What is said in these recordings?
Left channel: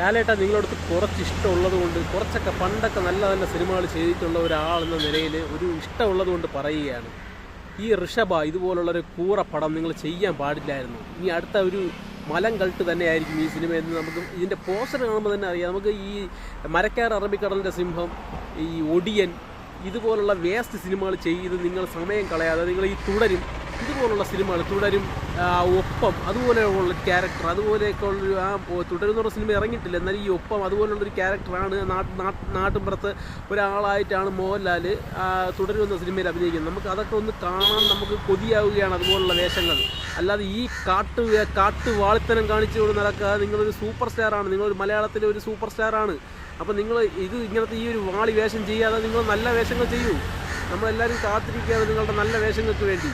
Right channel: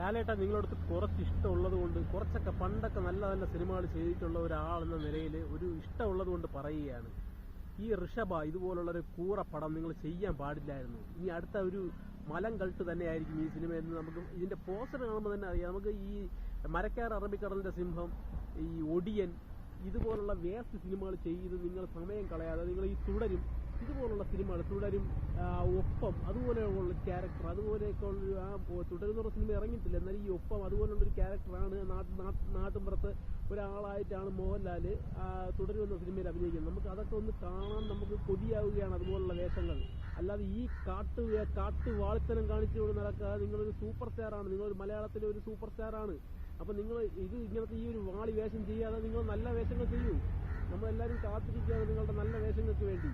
ലാലേട്ട നിങ്ങളടുത്ത് കുറച്ച് ഇഷ്ടമുള്ളത് കൊണ്ട്, കുറച്ചൊക്കെ പണ്ടൊക്കെ നല്ല നല്ല സിനിമകൾ ചെയ്തിട്ടുള്ള ഒരാളെന്ന നിലയിൽ ഒരു ഇഷ്ടമുള്ളത് കൊണ്ട് പറയുകയാണ്. ഈ ഋഷഭ ഇതുപോലുള്ളൊരു കൂറ പടം നിങ്ങൾ ചെയ്യാൻ പാടില്ലായിരുന്നു. ഇനി അടുത്ത ഒരു മലം കൾട്ട് തന്നെയായിരിക്കും ഈ സിനിമ എന്ന് നമുക്ക് ഇതിൻ്റെ പോസ്റ്റർ കാണുമ്പോൾ തന്നെ അറിയാം. നമുക്ക് ഈ മരക്കാർ അറബിക്കടലിൻ്റെ സിംഹം, ഈ ഒടിയൻ, ഇതുപോലുള്ള വേസ്റ്റ് സിനിമകൾ ചെയ്ത് നിങ്ങൾ സമയം കളയാതെ നിങ്ങൾ ഈ തുടരും ഇതുപോലുള്ള സിനിമകൾ തുടരും, ഒപ്പം അതുപോലെയുള്ള ക്യാരക്ടർ, അതുപോലെയൊക്കെ ഉള്ളൊരു തുടരുന്ന സിനിമ ഇറങ്ങിയിട്ടില്ല. എന്നാൽ ഈ ഒപ്പം അതുപോലുള്ളൊരു ക്യാരക്ടറാണ് നാട്ടിൻപുറത്ത് ഒരാളായിട്ടാണ് മോഹൻലാൽ തുടരുന്ന സിനിമയിൽ അഭിനയിക്കുന്നത്. നമുക്ക് അതൊക്കെ ഒന്ന് കാണാൻ നമുക്ക് കൊതിയാവുകയാണ് അതുപോലുള്ള വേഷങ്ങൾ. അല്ലാതെ ഈ കാട്ടുവാളിത്തനം കാണിച്ചുകൊണ്ട് നടക്കാതെ നിങ്ങളൊരു സൂപ്പർ സ്റ്റാറാണ്, നിങ്ങളൊരു മലയാളത്തിലെ ഒരു സൂപ്പർ സ്റ്റാറാണ്. അപ്പോൾ നിങ്ങൾ ഇങ്ങനത്തെ ഈ ഒരു വാളി വേഷം ചെയ്യാതെ നിങ്ങൾ നല്ല വേഷങ്ങൾ ചെയ്യൂ. നമ്മളെല്ലാവരും കാത്തിരിക്കുകയാണ് നിങ്ങളുടെ നല്ല വേഷങ്ങൾക്ക് വേണ്ടി.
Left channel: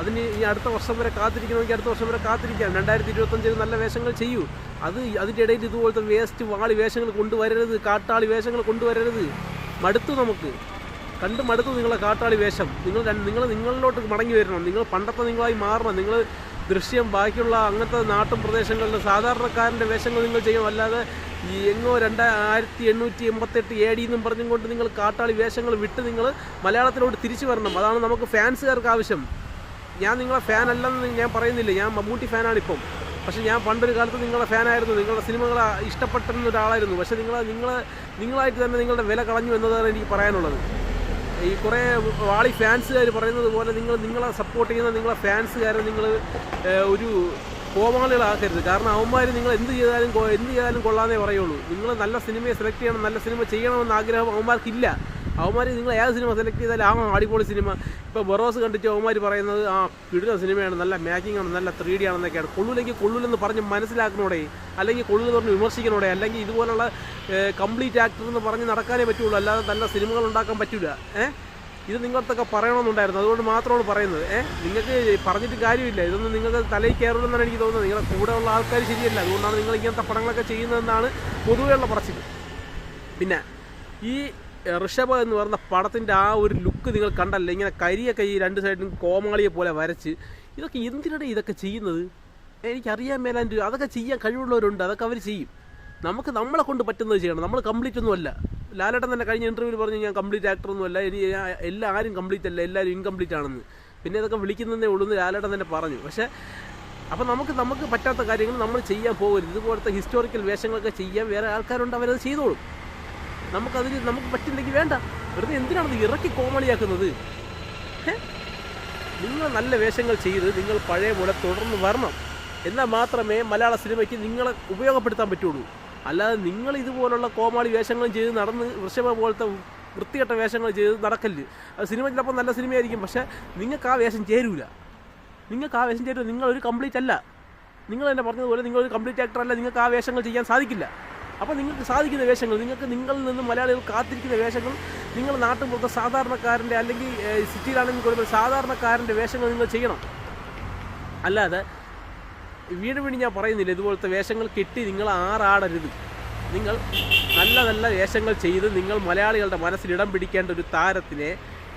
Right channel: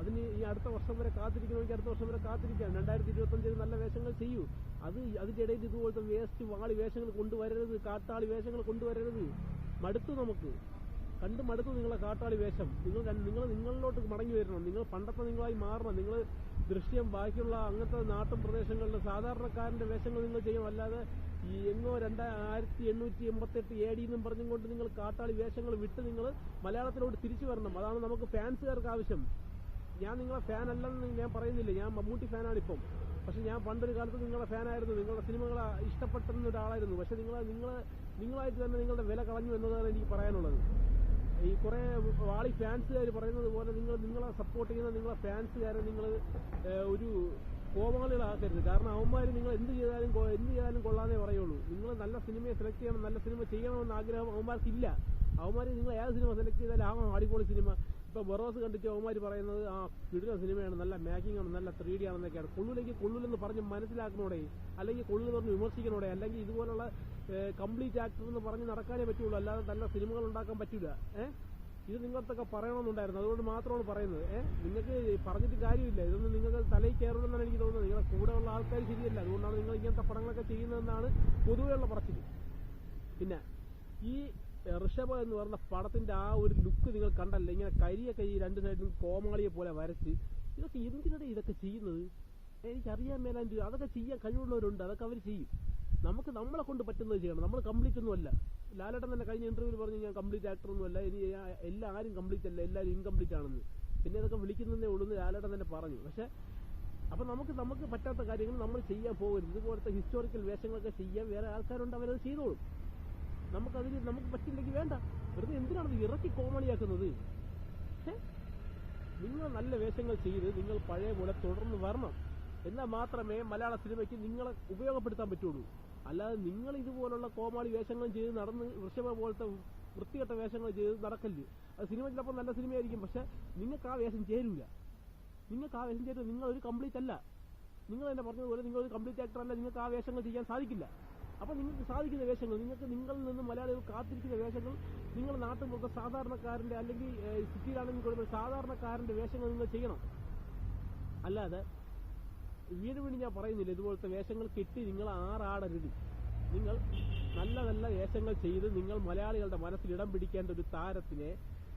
അതിന് ഈ അടുത്ത വർഷം വരെ കാത്തിരിക്കണമെങ്കിൽ അടുത്ത വർഷം വരെ കാത്തിരിക്കാം. 2025 നല്ല വേഷങ്ങൾ ചെയ്യൂ. അതിൻ്റെ ഇടയിൽ ഇതുപോലത്തെ വേസ്റ്റ് വാളി വേഷങ്ങൾ കൊണ്ടുവരരുത്, കാട്ടാളി വേഷങ്ങൾ കൊണ്ടുവരരുത്. മടുത്തു, നമുക്ക് മടുത്തു നിങ്ങളെ കാട്ടാളി വേഷം. നിങ്ങളിലോട്ട് മടങ്ങി വരണം. നിങ്ങൾ പണ്ടത്തെ നിങ്ങളായി മാറണം. നിങ്ങൾ ദൃശ്യം ബാക്കിയുള്ള അങ്ങനത്തെ നാട്ടും പ്രദേശങ്ങളിലെ സാധാരണക്കാരൻ്റെ വേഷങ്ങൾ നിങ്ങൾ ചെയ്യണം. അല്ലാതെ ഈ എങ്ങോ 2888 AD എന്നും പറഞ്ഞും കൊണ്ട് നിങ്ങൾ കാട്ടാളി വേഷങ്ങൾ വിട്ട് നിങ്ങൾ മലയാളത്തിലോട്ട് തിരിച്ചു വരണം. അതാണ് നമുക്ക് ഫാൻസുകാർക്ക് ആവശ്യം. ഞാൻ നിങ്ങളെ ഫാൻ അല്ലെന്ന് ഞാൻ പറയുന്നില്ല, ഞാൻ മമ്മൂട്ടി ഫാനാണിപ്പം. പക്ഷേ ഞാൻ പണ്ടൊരു കാലത്ത് നിങ്ങളുടെ ഫാനായിരുന്നു, നിങ്ങളുടെ സിനിമകൾ ഇഷ്ടപ്പെട്ടിരുന്ന ഒരാളായിരുന്നു. പക്ഷേ നിങ്ങളായിട്ട് തന്നെ നിങ്ങളുടെ വില കളഞ്ഞു എന്നതാണ് എനിക്ക് പറയാനുള്ളത്. ഈ കുറേ വാളി ഫാൻസുകാർ പറയുന്നത് പോലെ നിങ്ങളെ സപ്പോർട്ട് ചെയ്യുന്ന നിങ്ങളെ ഫാൻസുകാരെ നിങ്ങൾ ഒരു കോമാളികളാക്കരുത്. കാരണം അവന്മാർ നിങ്ങൾ എന്ത് ചെയ്താലും കൊള്ളാന്നേ പറയുള്ളൂ. നിങ്ങൾ നല്ല സിനിമയെ സെലക്ട് ചെയ്യണം, നല്ല സിനിമ ചെയ്യണമെന്ന ആഗ്രഹം അവന്മാർക്കില്ല. അവന്മാർ നിങ്ങൾ ഏത് സിനിമ സെലക്ട് ചെയ്താലും അടിപൊളി സിനിമ. ഇപ്പോൾ ബറോസ് കണ്ടിട്ട് അവന്മാർ പറയുന്നത് കിടുന്ന സിനിമയാണ്, നല്ല മേക്കിംഗ് ആണ്, നല്ല 3D ആണെന്നൊക്കെയാണ്. കൊള്ളൂലെങ്കിൽ കൊള്ളൂലെന്ന് പറഞ്ഞ് മനസ്സിലാക്കണോടെ, അല്ലെങ്കിൽ കൊള്ളൂന്ന് പറഞ്ഞ് വിമർശിക്കണോടെ. അല്ലെങ്കിൽ ഇതുപോലുള്ള കംപ്ലീറ്റ് ആക്ടർ എന്ന് പറഞ്ഞ് നടക്കാനേ പറ്റുള്ളൂ, അല്ലാതെ നല്ല സിനിമകൾ ഉണ്ടാക്കാൻ പറ്റില്ല. ഇത് നിങ്ങൾക്കൊക്കെ പറയണമെന്നുണ്ടായിരുന്നു, അതുകൊണ്ട് മാത്രമാണ് പറയുന്നത്. നിങ്ങൾക്ക് പറഞ്ഞിട്ട് കാര്യമില്ല. ഇതൊന്നും നിങ്ങൾക്ക് തലയിൽ കയറുമെന്നാണ് എനിക്ക് തോന്നുന്നത്. നിങ്ങളുടെ കൂടെ ഉള്ള ആൾക്കാർ ശരിയല്ല, അതുകൊണ്ടാണ് നിങ്ങൾ ഇങ്ങനത്തെ പടങ്ങളൊക്കെ ചെയ്യുന്നതെന്നാണ് പൊതുവെയുള്ള പറച്ചിൽ. പിന്നെ ഈ ഋഷഭ എന്ന് പറയുന്ന പടത്തിൻ്റെ ആ ഒരു ലുക്ക് നിങ്ങൾ കണ്ടല്ലേ, ഇങ്ങനെ കരിയൊക്കെ ഈ രണ്ട് സൈഡിലും കോമാളിയെ പോലെ വരച്ച്, ഇതൊക്കെ എന്തിനാണ് ഇതൊക്കെ ചെയ്യുന്നത്? എനിക്കറിയാൻ മേലാണ്ട്. അതൊക്കെ ചെയ്യാൻ കഴിവുള്ളവരുണ്ട്, അതൊക്കെ അവർ ചെയ്യും. നമ്മളെ കൊണ്ട് പറ്റുന്നത് ചെയ്യണം. നമ്മൾ കംപ്ലീറ്റ് ഒന്നുമല്ല. ലാലേട്ടൻ തന്നെ കഴിഞ്ഞ ഇൻ്റർവ്യൂവിൽ പറഞ്ഞു ഞാൻ കംപ്ലീറ്റ് ആക്ടറൊന്നുമല്ല, ആരും കംപ്ലീറ്റ് അല്ല, എല്ലാവരും ഇൻകംപ്ലീറ്റ് ആണെന്ന്. പിന്നെ ഇതൊക്കെ വിളിക്കുന്നതേ ഉള്ളൂ എന്ന് ലാലേട്ടൻ തന്നെ പറഞ്ഞു. പക്ഷേ അപ്പോൾ നമുക്ക് പറ്റാത്ത കാര്യങ്ങൾ നമ്മൾ ചെയ്യാൻ പോകരുത്. ഇതുപോലത്തെ ഹിസ്റ്റോറിക്കൽ വേഷങ്ങളൊക്കെ ചെയ്യാൻ വേറെ ആൾക്കാരുണ്ട്, അവരത് ചെയ്തോളും. നമുക്ക് പറ്റില്ലെങ്കിൽ വേണ്ട. വെറുതെ എന്തിനാണത് ഇറക്കി കോമളിയാക്കുന്നത്? നിങ്ങൾ നല്ല വേഷങ്ങൾ ചെയ്ത് നിങ്ങൾ പഴയ പോലെ തുടർന്ന് വരണം. എന്നാൽ മാത്രമേ മലയാള സിനിമയ്ക്ക് നിങ്ങളെ ഉപയോഗപ്പെടുത്താൻ പറ്റുള്ളൂ. അല്ലാതെ നിങ്ങൾ ഇതുപോലുള്ള കോമാളി വേഷങ്ങൾ ചെയ്ത് നടന്ന് ഋഷഭ പോലത്തെ വൃത്തികെട്ട വേഷങ്ങൾ ചെയ്ത് നടക്കല്ല്. അത് സിനിമ ചിലപ്പോൾ നല്ല സിനിമയായിരിക്കും, പക്ഷേ നിങ്ങൾക്ക് ആ വേഷം ചേരൂല. നിങ്ങളൊരു കംപ്ലീറ്റ് അല്ല. നിങ്ങൾ തന്നെ പറഞ്ഞതുപോലെ നിങ്ങളൊരു കംപ്ലീറ്റ് ആക്ടർ അല്ല. നിങ്ങൾക്ക് ആ വേഷങ്ങൾ ചെയ്യാൻ സാധിക്കില്ല. അപ്പോൾ നിങ്ങൾക്ക് സാധിക്കുന്ന വേഷങ്ങൾ, നിങ്ങളിൽ നിന്ന് മലയാളികൾ കാത്തിരിക്കുന്ന വേഷങ്ങൾ, നിങ്ങൾ നാട്ടുമ്പുറത്തെ സാധാരണക്കാരൻ്റെ, അല്ലെങ്കിൽ സിറ്റിയിലാണെങ്കിൽ കൂടുതൽ സാധാരണക്കാരൻ്റെ വേഷങ്ങൾ നിങ്ങൾ ചെയ്യണം. അല്ലാതെ വീണ്ടും ഞാൻ പറയുന്നില്ല, ഇതുപോലത്തെ വേഷങ്ങൾ കെട്ടി നിങ്ങൾ ആറാടരുത്. നിങ്ങൾ നല്ല നല്ല വേഷങ്ങൾ ചെയ്ത് നിങ്ങൾ മലയാളികളുടെ മനസ്സിൽ ഇടം പിടിക്കേണ്ട ഒരു താരത്തിനെ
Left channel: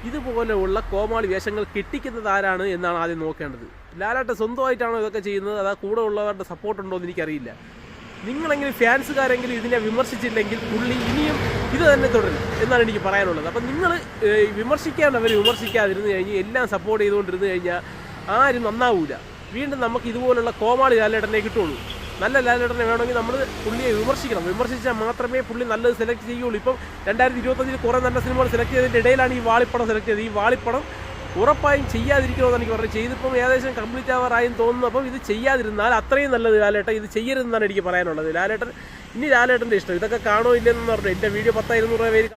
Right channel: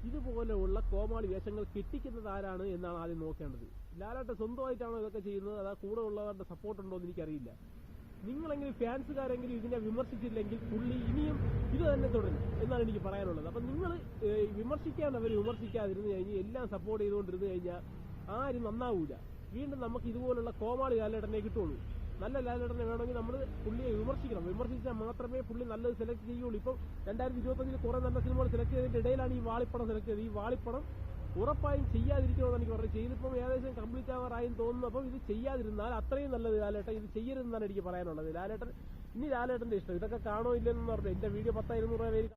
ഇതുപോലെയുള്ള കോമാളി വേഷങ്ങൾ കെട്ടിക്കുന്നത് ആരാണ് എന്നാണ് ആദ്യം നോക്കേണ്ടത്. ലാലേട്ടൻ സ്വന്തമായിട്ടാണോ ഇതൊക്കെ ചെയ്യുന്നത്, അതാ കൂടെ ഉള്ളവരുടെ സപ്പോർട്ടുണ്ടോ എന്ന് എനിക്കറിയില്ല. നിങ്ങളെങ്കിലും ഫാൻസുകാരെങ്കിലും ഇതിനെ വിമർശിച്ചില്ലെങ്കിൽ പുള്ളി ഇനിയും ഇത് തന്നെ തുടരും എന്നാണ് എനിക്ക് പറയാനുള്ളത്. അപ്പം നിങ്ങൾ വിമർശിക്കാനവർ വിമർശിക്കാതിരുന്ന് കഴിഞ്ഞ് എല്ലാം സപ്പോർട്ട് ചെയ്തുകൊണ്ടിരുന്ന് കഴിഞ്ഞാൽ ആരും നന്നാവൂല. വീണ്ടും നമുക്ക് ഇതുപോലുള്ള കോമാളി ലാലേട്ടനെ കിട്ടുള്ളൂ. നല്ല ലാലേട്ടനെ വേണമെങ്കിൽ നമ്മൾ പുള്ളിയെ വിമർശിച്ചാൽ മാത്രമേ പുള്ളി നല്ലത് സെലക്ട് ചെയ്യുള്ളൂ. ഇപ്പം 2025 കുറേ നല്ല സിനിമകൾ സെലക്ട് ചെയ്തതിൻ്റെ ഇടയിലാണ് ഈ വാളിപ്പടം സെലക്ട് ചെയ്തത്. ഈ വാളിപ്പടം ഉറപ്പായും ചെയ്യാതിരിക്കണമെന്ന് എനിക്ക് പറഞ്ഞു. ചെയ്തിപ്പം ഏകദേശം കംപ്ലീറ്റ് ആവാറായും തോന്നുന്നു. അപ്പം ഇത് ചെയ്യാതിരുന്നാൽ അത്രയും നല്ലത്. ലാലേട്ടൻ ഇത് ചെയ്യരുതെന്നാണ് എനിക്ക് പറയാനുള്ളത്. ലാലേട്ടൻ്റെ ഇഷ്ടം. ഇതൊക്കെ കാണോ ഇല്ലെന്ന് പറഞ്ഞു. എൻ്റെ വീഡിയോ 10,200 പേര്